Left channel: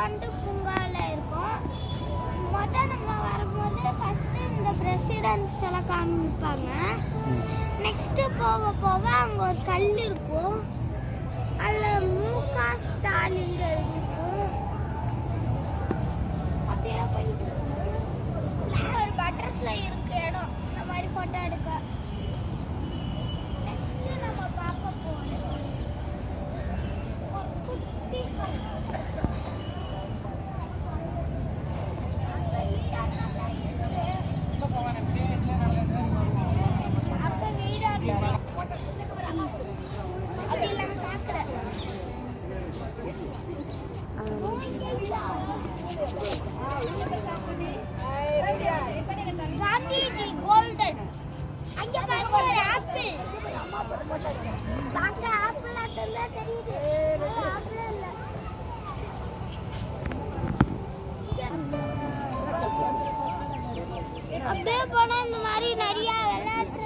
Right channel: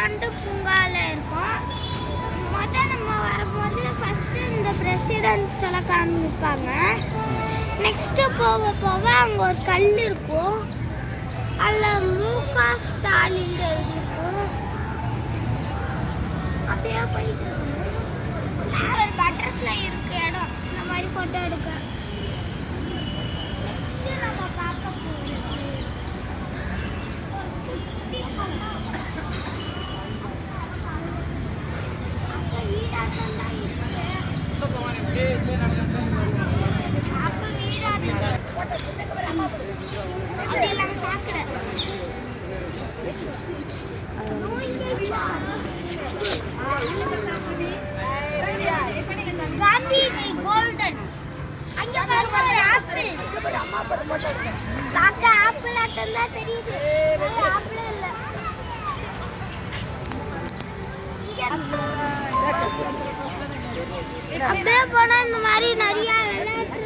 விளையாண்டு பூங்கால இருக்கும். நம்ம வரும்போது ஃபர்ஸ்ட் இந்த பிரசிடென்ட்ஸ் எல்லாம் காமிப்பாங்க. நெக்ஸ்ட் போக போக அங்கே ஒரு கல் இருக்கும். அதில் முக ஸ்டாலின் இருக்கும். அப்படியே போயிட்டு ஒரு பட்டர்ஃப்ளை இருக்கு இடம் இந்த மாதிரி ஃபோட்டோ எடுக்க. நெக்ஸ்ட் நம்ம பார்க்க போகிறோம் குட்டி காந்திஜி கோல்டன் அங்க பாருங்க ஒரு ஆப்பிள் பாக்க ஆப்பிள் ஆட்டம் தான் தெரியுது. ஆப்பிள் இல்ல. அப்படியே போனா இந்த மாதிரி நிறைய எனக்கு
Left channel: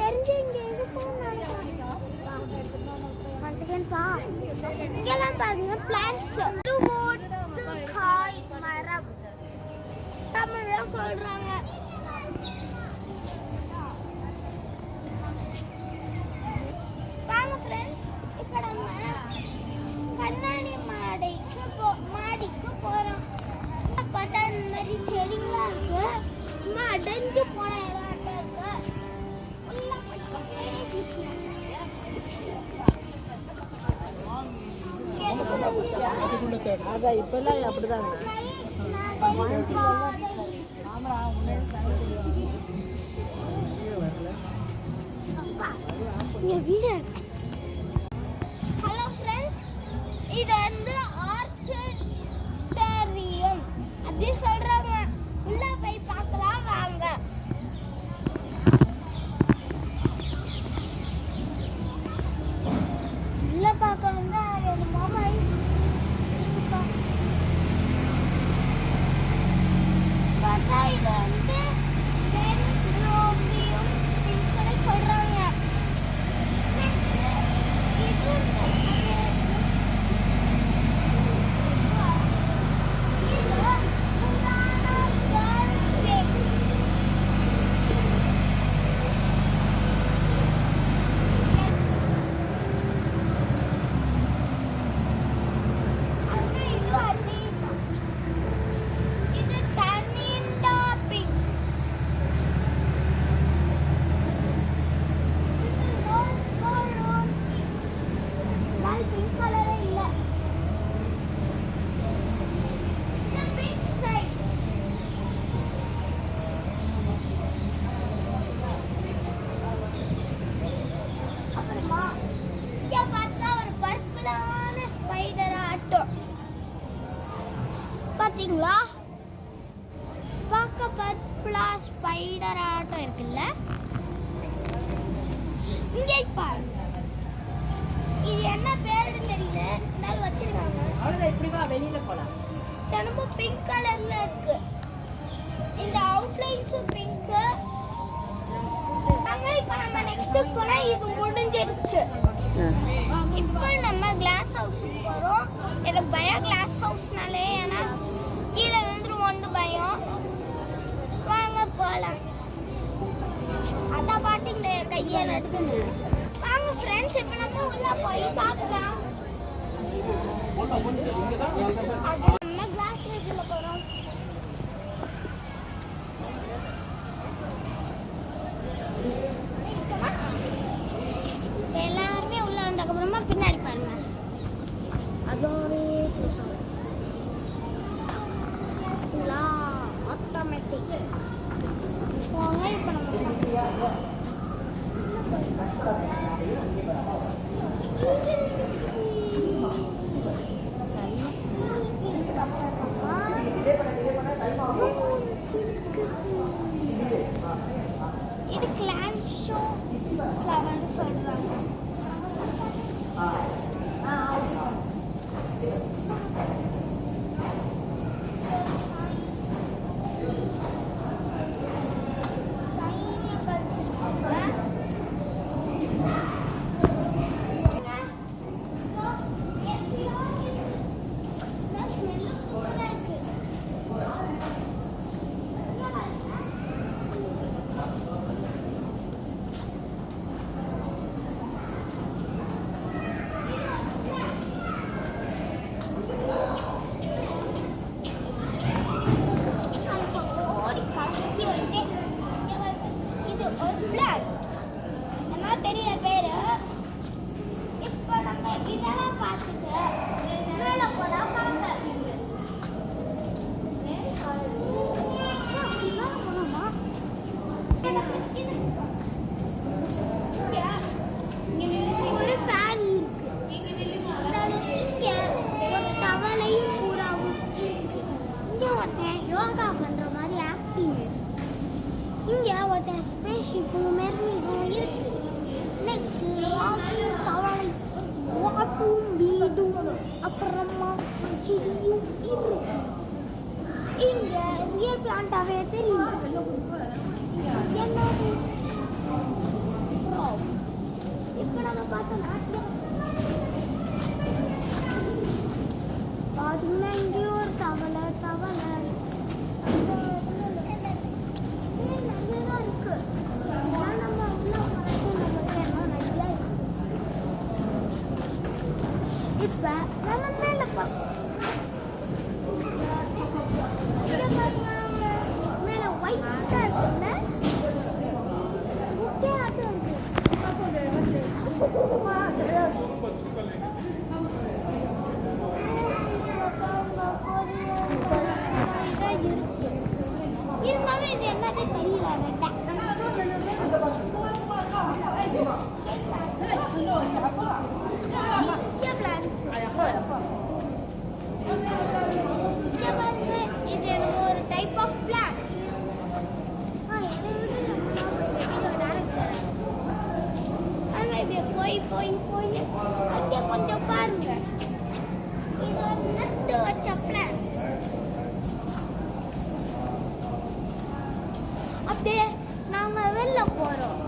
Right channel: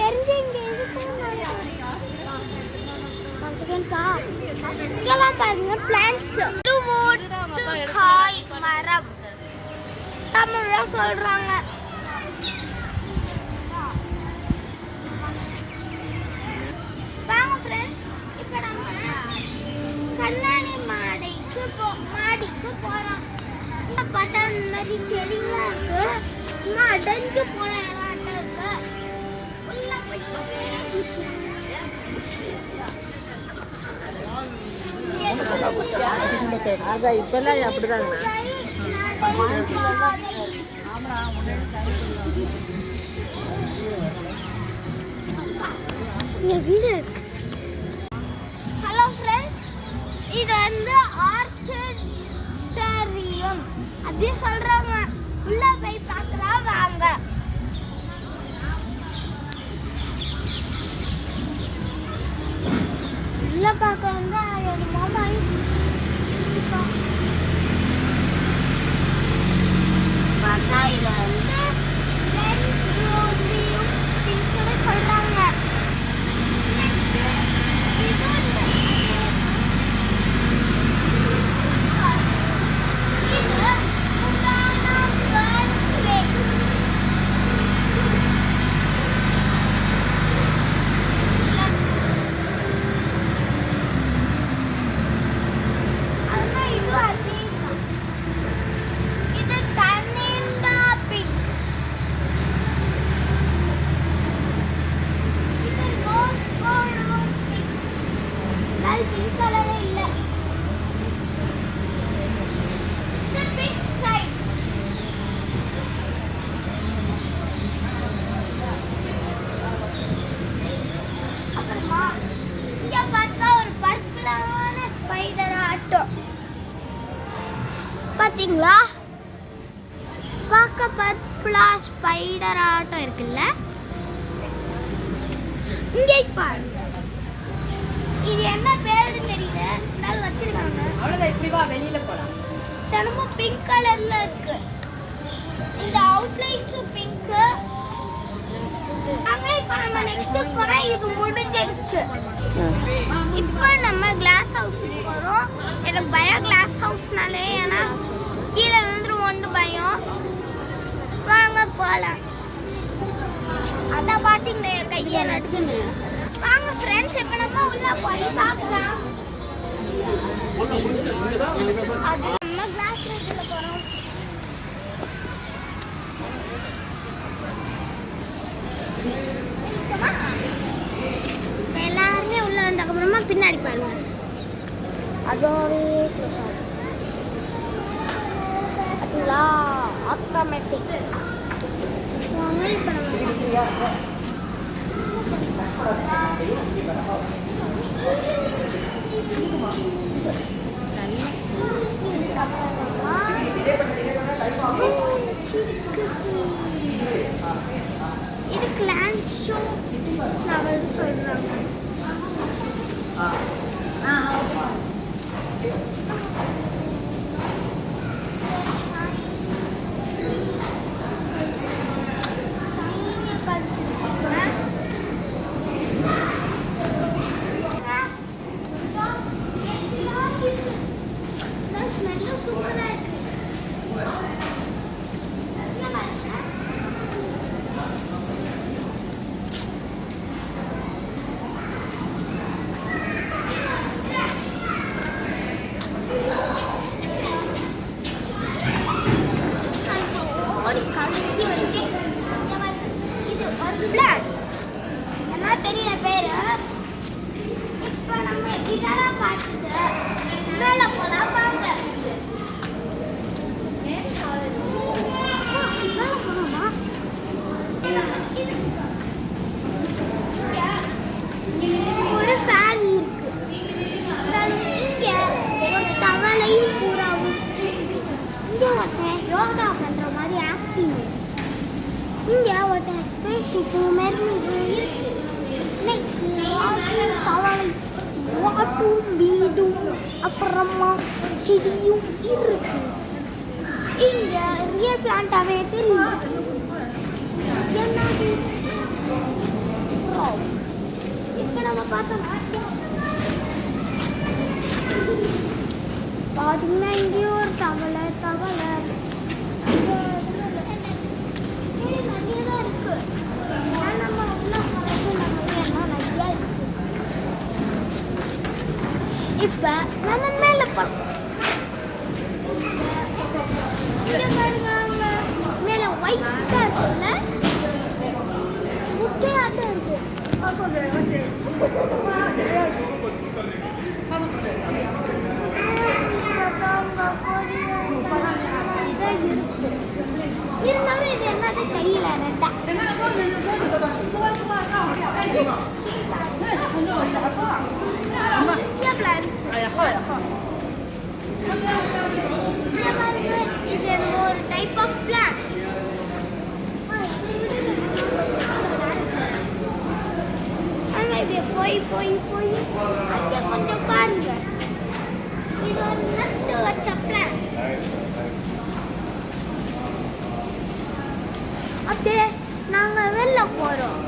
தெரிஞ்ச இங்கெல்லாம் பாருங்க பிளான்ட்ஸ் காய் மரம் தமிழ்ல சொல்றாங்க. வாங்க ஃப்ரெண்ட்ஸ், இப்போ நம்ம கண்ணாடி மாடிக்கு போறோம். பார்த்தா நிறைய செடிலாம் இருக்கு. இன்னும் அடைஞ்சு போன இடம் இருக்கு. உள்ள அதான் இப்பெல்லாம் அப்படிதான் வீடு. ஹலோ ஃப்ரெண்ட்ஸ், இது வந்து ஆர்ச்சிடரியம் அப்படி சொல்றாங்க. உள்ள போய் பார்க்கலாம் வாங்க. உள்ள பார்க்கணும் தான் என்னோட மாமா பார்த்தா இது வந்து சொல்றாங்க. பாத்தீங்களா? பார்க்க பர்பிளா ஸ்பைடர் ஆட்டம் இருக்குல்ல. இங்கே பாருங்க. இது என்ன பேருன்னு தெரியல. நாள் வச்சிருக்காங்க. அவ்வளவுதான். இப்படி வா, வெளியில போலாம். தினமும் பிங்க் கலர்ல இருக்கு. இந்த அவுட்லைன்ஸும் பிங்க். அங்க இப்ப நம்ம நெக்ஸ்ட் போனா இது முடிஞ்சிருச்சு. இப்போ நம்ம கிளாஸ் ஹவுஸுக்கு போறோம். எனக்கு பயம் கிளாஸ் ஹவுஸ்னாலே, ஏன்னா கீழே வந்துருவோன்னு பயம். வாங்க போலாம். அதான் பாத்தீங்க கையை நடுக்குது. வாங்க ஃப்ரெண்ட்ஸ், இப்போ நம்ம உள்ள போய் பார்க்கலாம். அது நம்ம கிளாஸ் ஹவுஸ்ல போறோம். எல்லாருமே உள்ள வந்ததுக்கப்புறமா பின்னாடி பாருங்க. அதோடே அதுங்களா ஆட்டோமேட்டிக். வாங்க இப்போ நம்ம இது கிளான் ஷோ ஃப்ளவர் சொல்றாங்க. தெரியல பேரு. இப்போ நம்ம இதெல்லாம் பார்த்துட்டு மேலே போனா பாருங்க. ஒரு ஃபேன் இருக்கு. இங்க ஒரு தவளையும் பூராவும் இருக்கு. இங்க ஒருத்தன் யோகா பண்ற மாதிரி ஆக்டிங். இங்க ஒருத்தன் ஸ்பேஸ் ஷிப்பும் மெர்மிடும் இருக்கு. நெக்ஸ்ட் தவளை வாட்டும் வீடும் அப்புறமா செடியும் இருக்கு. இங்க ரியல் பிளான்டாவே தெரியும். என்னது இப்போ நம்ம பார்த்தோம்னா பார்த்தீங்கன்னா இங்கேயும் ஒரு தவளை நிறையதான் இருக்கு. நம்ம இப்போ நம்ம மேலே பார்க்கலாம். மேலே ஒயிட்டாக இருக்குல்ல, முக்கியமாக இருக்கு. இருந்தாலும் இது என்னது தெரியல. இது என்னமோ ஒரு டைப் ஆஃப் பிளான். போய் அங்கே கொஞ்சம் பாருங்க. இது ஒரு நட்டு வச்ச பிளான். அப்படியே நாங்க வெளில போறோம்.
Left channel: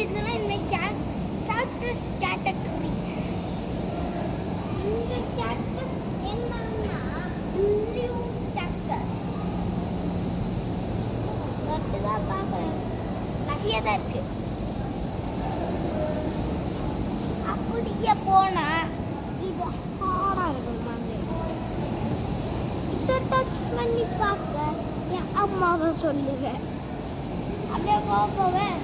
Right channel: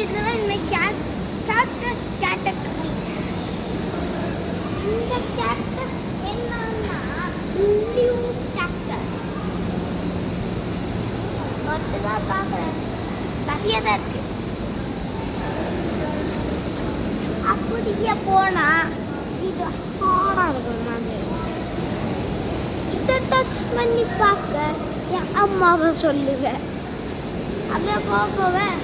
இதெல்லாம் இனிமேல் கேக்டஸ் கேட்டகரி. இந்த கேக்டஸ் என்னன்னா ப்ளூ கேக்டஸ். ஒருத்ததான் பார்க்குறேன், நிறைய தான் இருக்கு. அப்படியே போனா இது ஹார்டாக இருக்கும். நான் இதை டச் பண்ணி பார்க்க என் அம்மாவை சொல்லுவேன். அப்படியே போவேன்.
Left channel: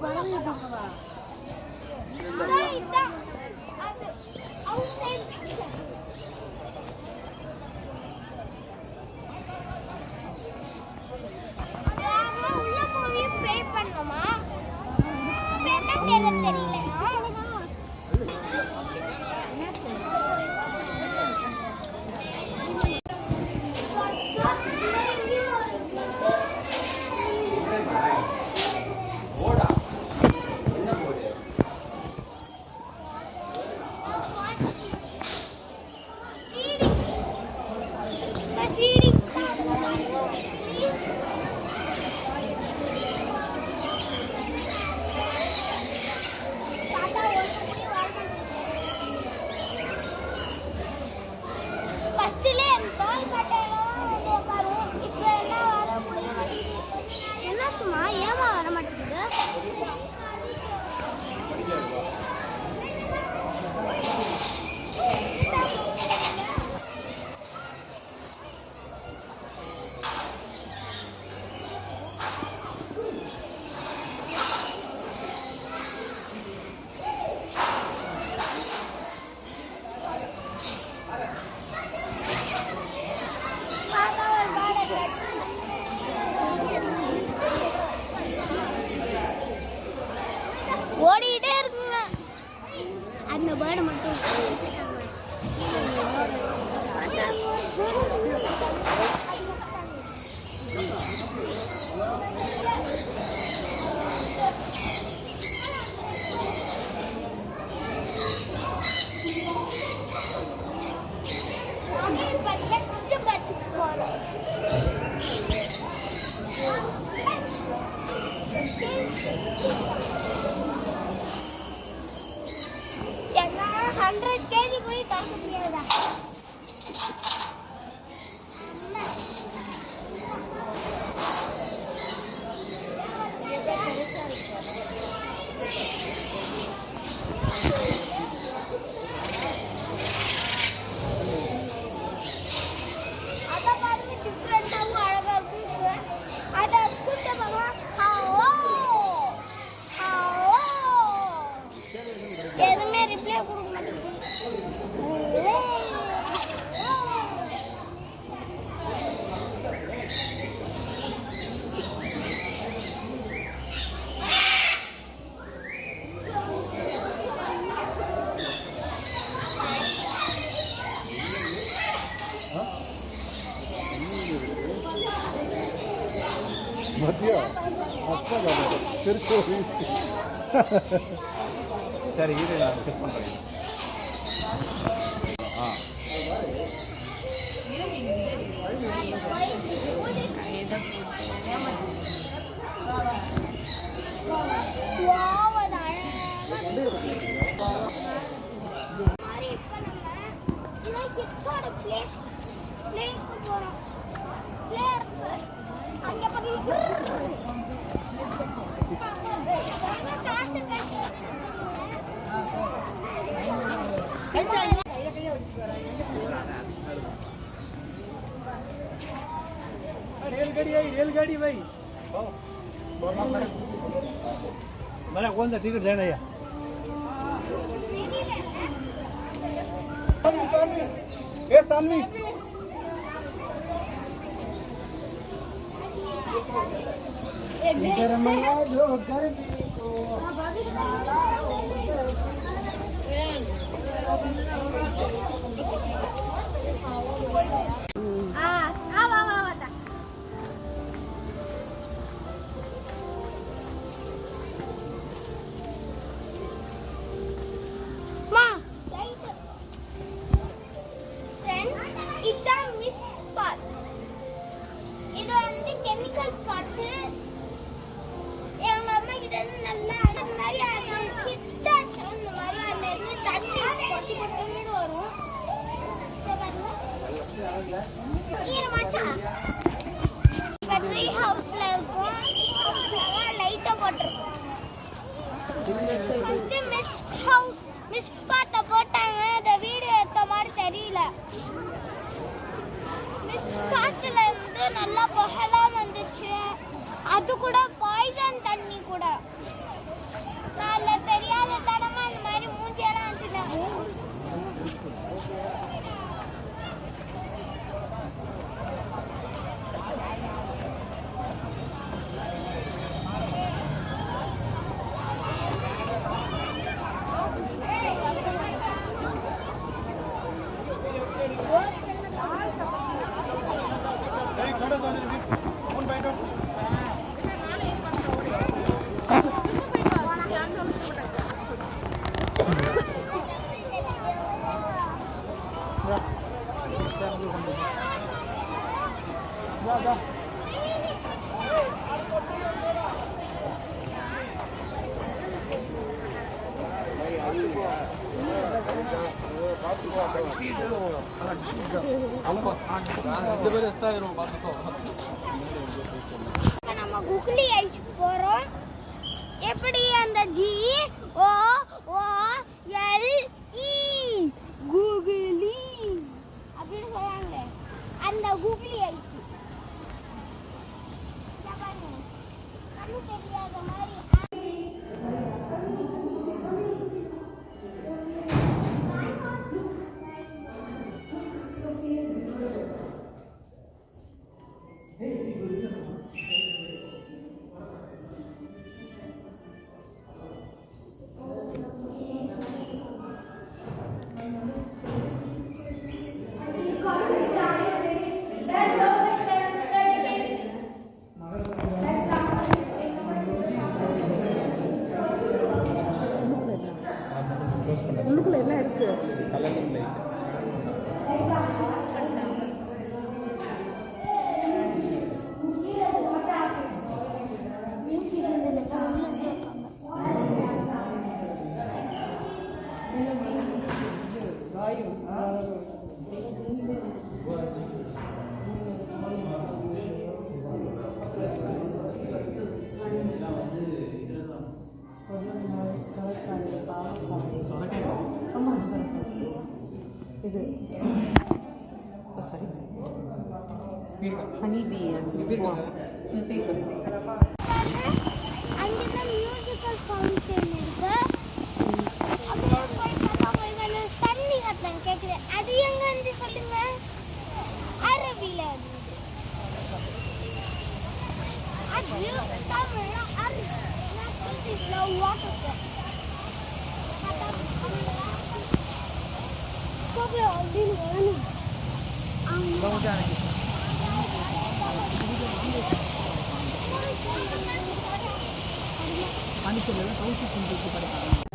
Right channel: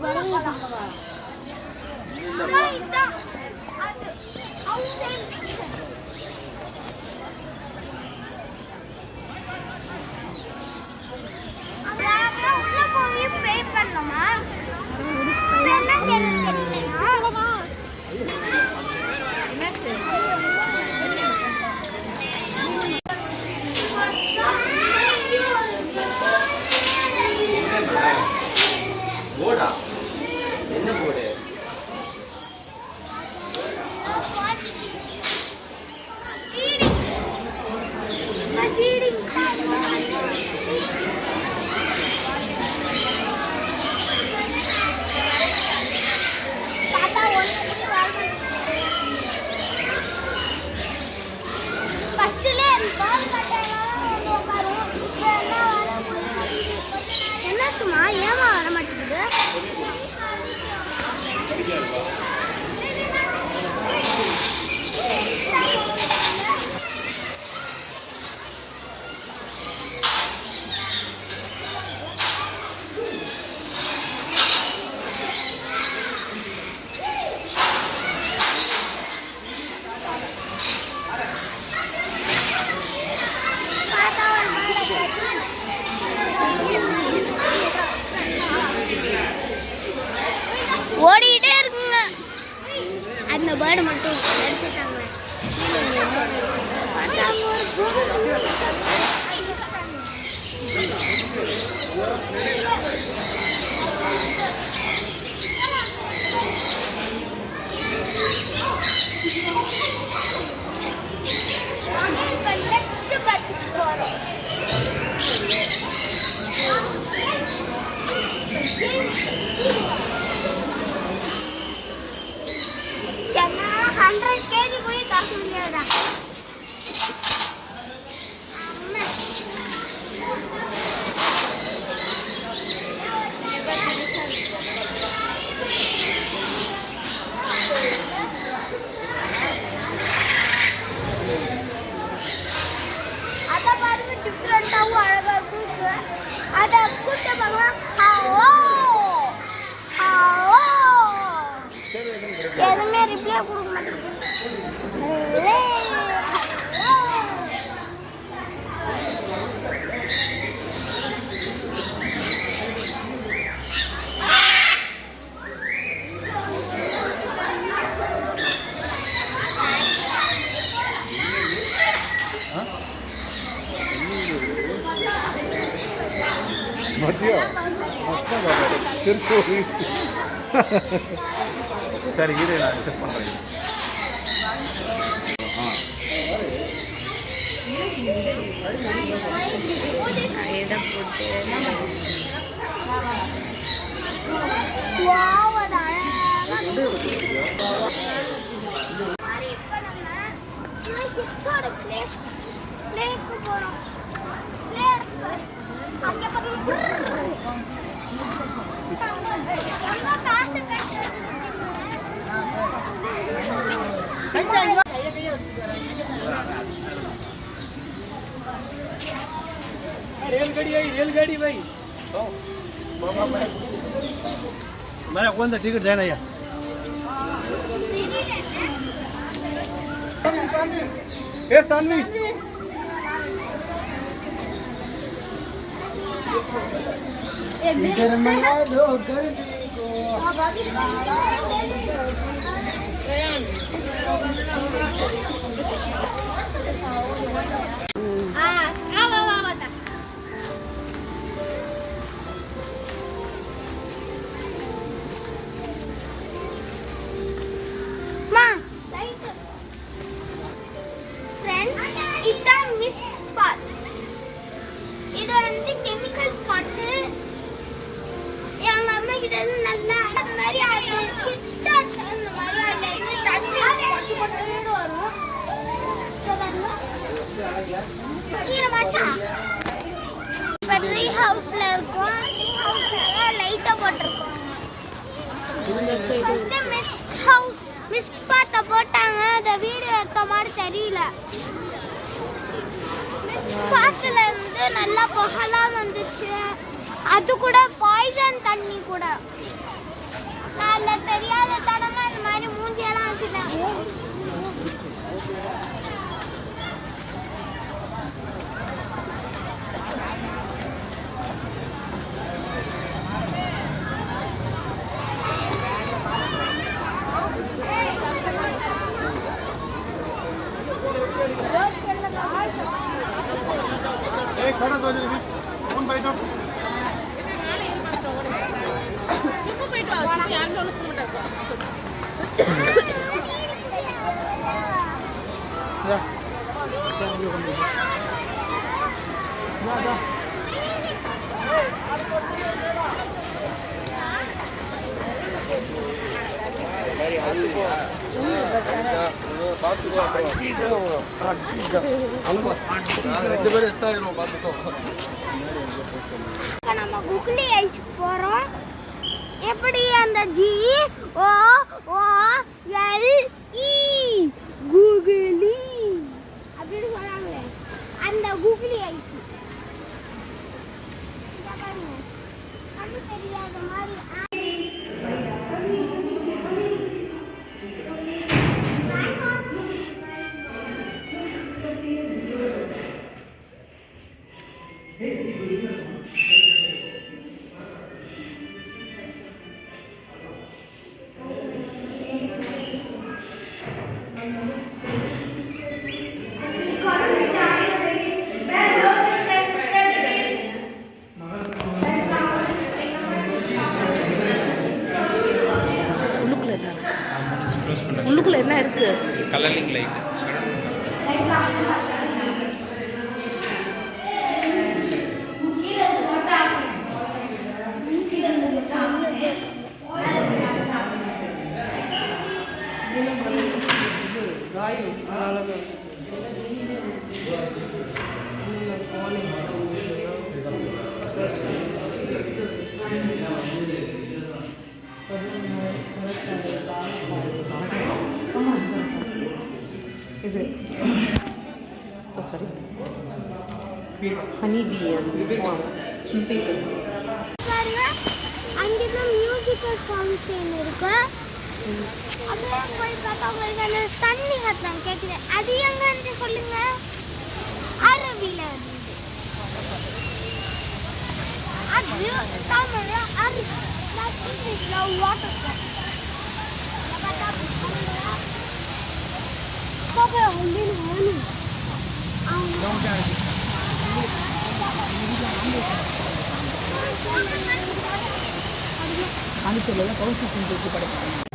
உள்ள போய் பே பண்ணணுமா? என்ன செய்யறது தெரியலனா என்னத்துமா ஏமா வர மாட்டேங்குது? ஓடிட்டே இருக்குங்க. அந்த பேர்டு மட்டும் எடுத்துட்டாங்க. நெக்ஸ்ட் பஸ்ஸுக்கு போறோம். என்ன 100 kg கூட தாக்க முடியாதா? அத பாருங்க டிஃபரெண்டாவும் அழகா இருக்கு. அத கூட்ட பாருங்க. எதுவுமே ரிப்ளை கொடுக்க மாட்டேங்குது. மத்தியா அஸ்தான் திருச்சூர் சரி இதை நான் செக் பண்ணுறேன். रेलगाड़ी भाई मेरा कौन सा टिकट देना यार ए सानवी ட்ரீ ஹவுஸ்ல இருக்கும். ஹவுஸ்ல லைட்டா போட்டுருக்கோம். ஃபர்ஸ்ட் மிஸ் பாத்த போட்டாங்க. அந்த வீடியோ எடுத்த மாதிரி தெரியல. பாட்டுல இருந்து நல்லா புகழா வந்துச்சு. அது கூட பாய்சன் தண்ணி கூட நான் தெரியாத தடவை இந்த மாதிரி மூஞ்சியெல்லாம் வச்சுட்டேன். खड़ा तो जल्दी कौन बैठो நம்ம குக்லி ஐஸ்க்கு போறோம். எப்படி அந்த ஜி ஓ ஓ எல் இ குக்லி அப்படின்னு சொல்றாங்க. அந்த குக்லி ஐஸ் தெரியாத மாதிரி உள்ளுக்குள்ள என்ன இருக்கு? கலரிங் லைட் இது சாரி ஹனி பீ பாருங்க, அங்கதான் மியூசிக்கல் ஃபவுண்டன் இருக்கு. அப்புறம் போய் பார்த்தா உங்களுக்கு அந்த தண்ணி சத்தம் கேட்குது. அது எங்கன்னு சொல்லுங்க. அரபில இருந்து அது தமிழ்ல அரபி வாட்டர் பாப்பா அப்படின்னு வேணும். பாண்டிச்சேரியில் தான் கவுன்சில் படிப்பாங்க.